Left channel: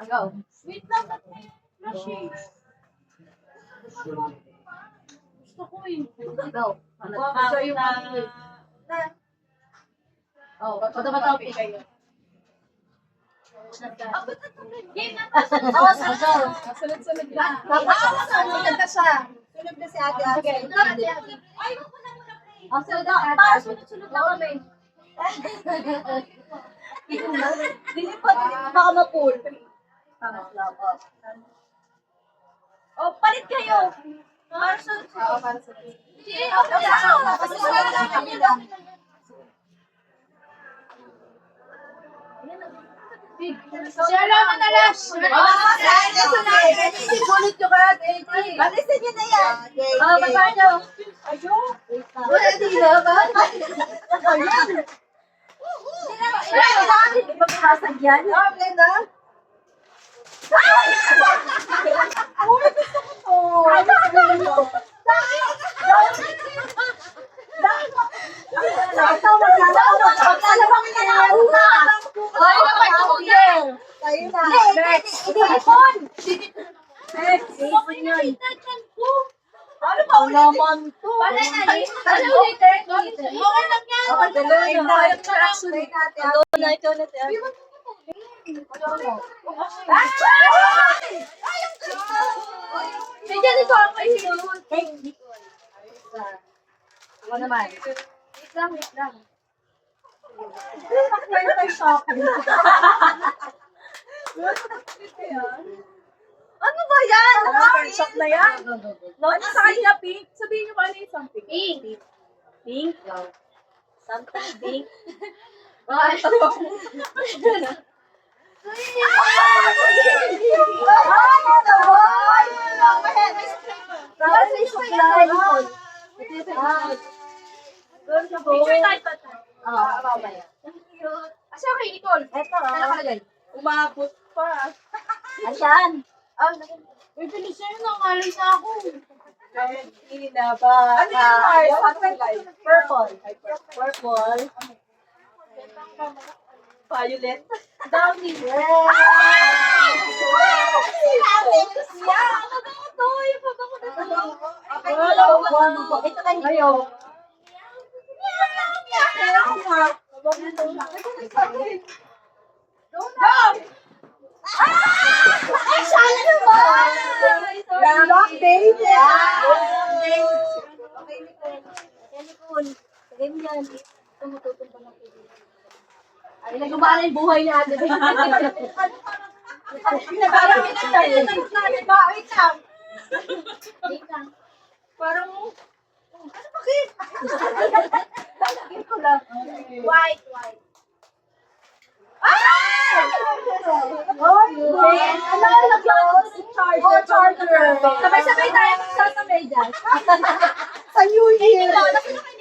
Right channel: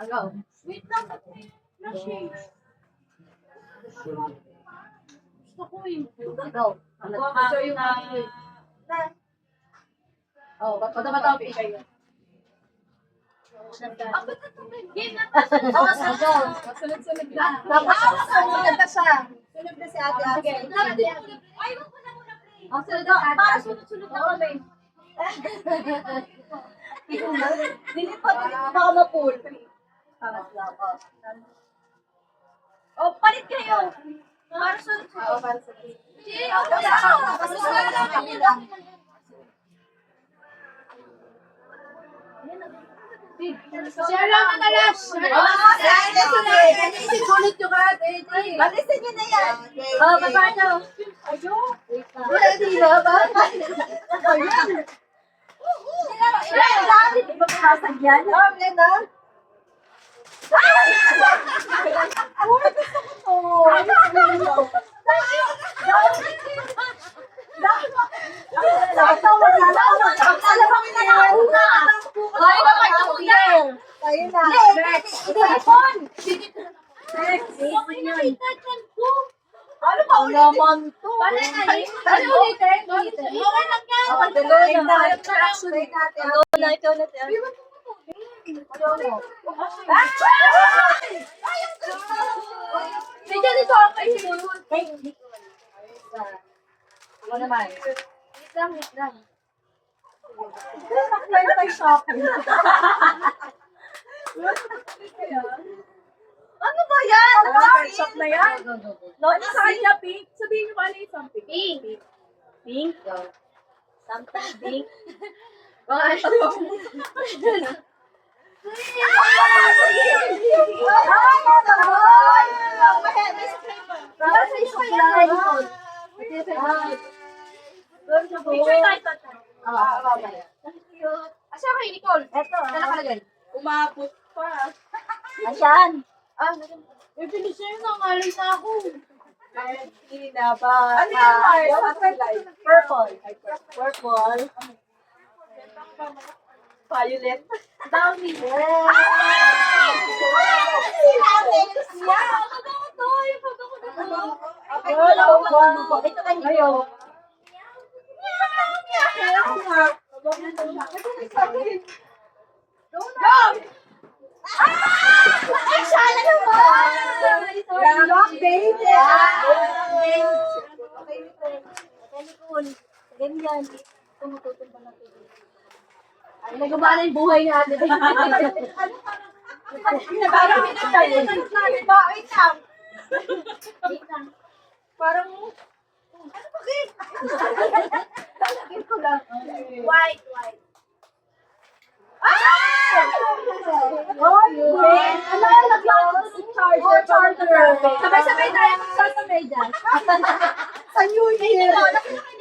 Agaw. Wait lang. Gusto ko yung... Agaw. Gusto yung... Oh, bata-bata kayo. Game na. Sunod-sunod na. Tapos, sunod na siya. Sunod na si ate. Sige. Ay, wag mo na muna play. Ang sunod na ate. Para sunod-sunod na kami. Dili pa, baka ma-pull. Oh, palit kayo. Para sunod-sunod. Oo, para sa ate. Sige, okay. Share lang na last. Sulit yung karat, AJ. Alisin niyo na yan. Oh, baba nyo. Ready na ba? Ayan. Di ba pumasag yan? Oo, Glenda. Ay, gusto ko to. Ay, dapat ako yan. Tayo na. Telefon. Next. Ano pa ulit? Naman to. Ano ulitin? Okay lang yan. Okay, tuloy na. Ikaw na. Medyo dito ako kayo siguro. Ako naman. Wait lang. Bakit tayo shopping? Ano ba yan? Shop na yan. Ano sa kanya, pink? Sabihin niyo ba ano yung something? Pink. Pink? Something pink? Baka ito ba? Picture tayo pa tayo. Ito. Asa kay Nicole? Ito. Ano nakalagay? Umabot pa. Ayan. May pinisyon na ngalay na ako. Na ba? Ano yung Mars? Purple. Purple. Violet. Downy. Ito kayo. Ayaw. Ay, sala naman! Lalak, baby! Okay, Nicole. Ganyan. Tumututong pa lang. Ay, nagumana yung buhay ni ate. Parang pinagtayo na natin ba? Wait lang. Parang, ano bakit? Talagin ko lang. White. Ah! Oh, ano lagyan si charger? Oh, charger. Sabay-sabay tayo magsasamay dyan. Sa New Year.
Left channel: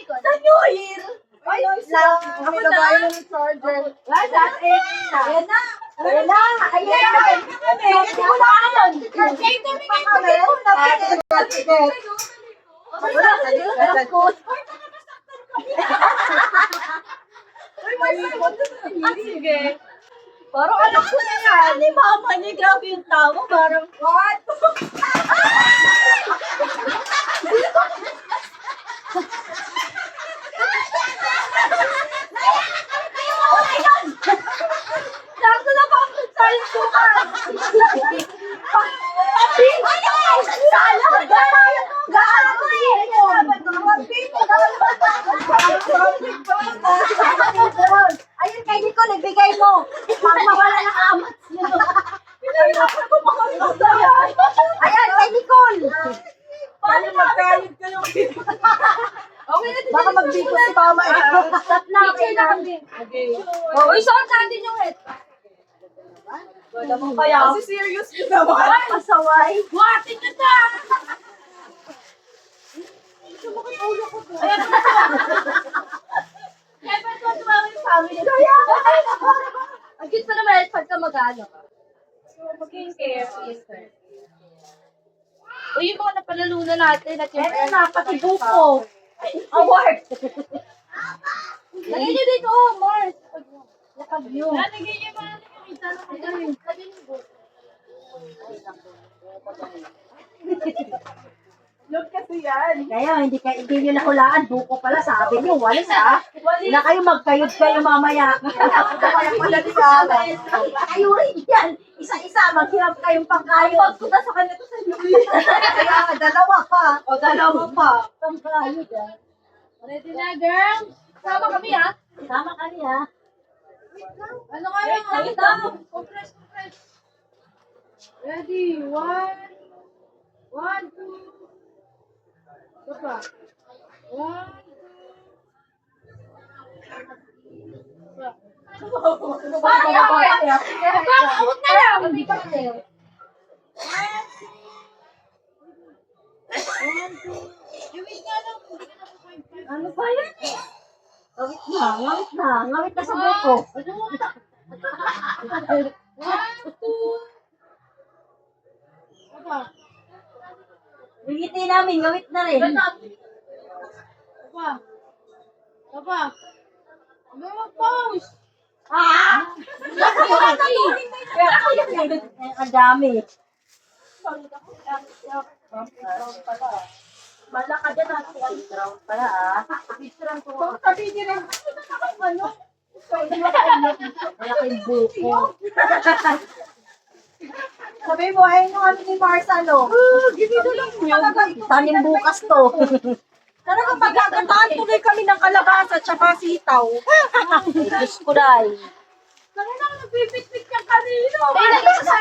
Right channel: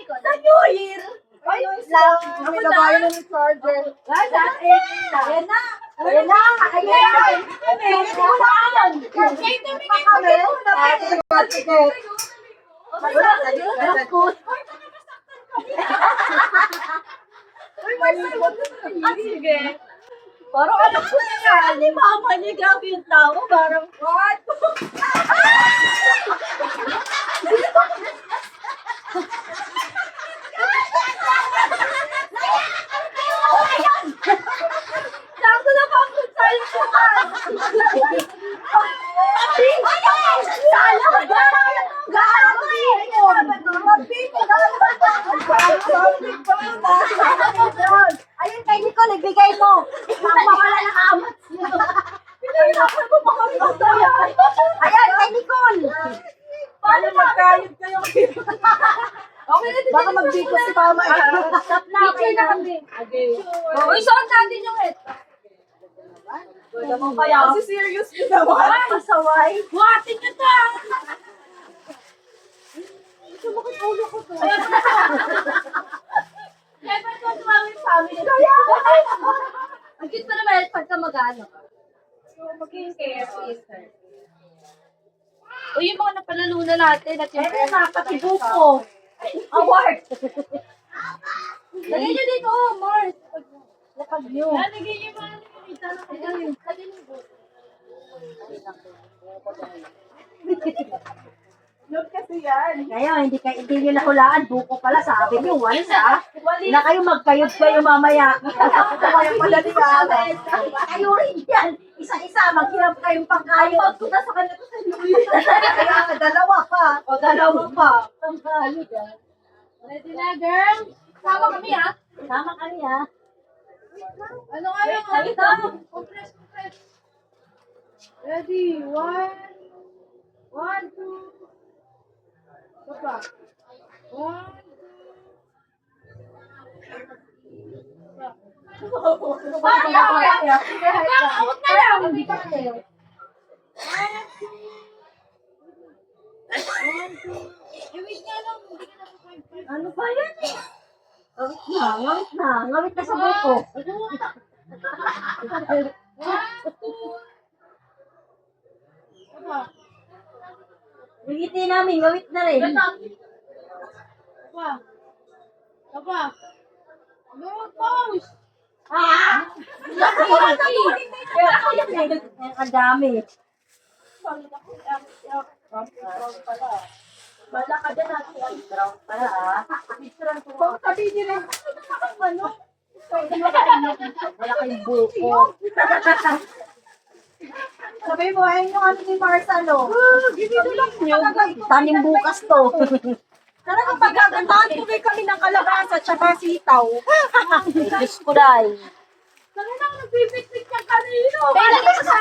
Sa New Year. Ay, lang. Ako na ba yung charger? Guys, at 8 na. Ayan na. Ayan na. Ayan. Ito na yun. Ito sige. Parang alam ko na nga. Ni mama niya, grabe yung tao. Parang, what? Sakto na pang-food science ko ka. Papi! Sala! Gaano yun? Papi! Ayun kay Nicole, ibigay mo. Mawala ng amat niya. Pinahirapan ko makakita. Ayan, kay Nicole. Paano magkayod kayo? Okay na Baka magbiko si mama. Stop na. Picture na kami. Uy, saan natin yung head? Wala mo kaya. Kasi serious yun naman. Pasaway. Buhatin ka na! Sumakit ulo ko to. Kaya pa ito tumawin yung family. Kaya ako. Ang cute pa naman pagka mag-ano. Mag-care. O yung mga napalalunan natin at yung Eto na, pati buko. Award. Lagay nyo dito, oh, Mars. Lakad nyo. Lagay nyo ba? Look kasi yan. Kaya hindi nyo nahulaan. Buko pala, sabi nyo. Walis ha. Na kayo magkayod kayo mamaya. Kaya pala niya. Kayo rin yan. Isa-isa, maghirap kayong pangkayod. Pag ko sa kanya to sa inyo. Kaya dalawa pa. O dalawa pa. Pangkayod ah. Ready na, girl? Sama kami, ha? Tama kami ha. Ano nga yung compress. Ready? One, two. Baba. One, two. Out na lang. Hindi pa kasi. Wait nga lang. Hindi ka na po Ano ba yan eh? Ngawit na. Ngawit na sa buko. Baba. Bigiti namin, ngawit na rin. Baba. Baba. Mag-pause. Ah! Ang dami. Bala ka dyan natin. Brown pala ah. Kung sabi nila, ano? Wala kayong buko. Sabi mo, ayun yung ano ni Marsa, no? Ginido lang nyo. Tanim bukas to. Talagang pagkagantaan tuloy kami ng kalabasa at saka sitaw. Diyos ko dahil. Talagang nagbibit-bit ka kanino. Kailan ka sa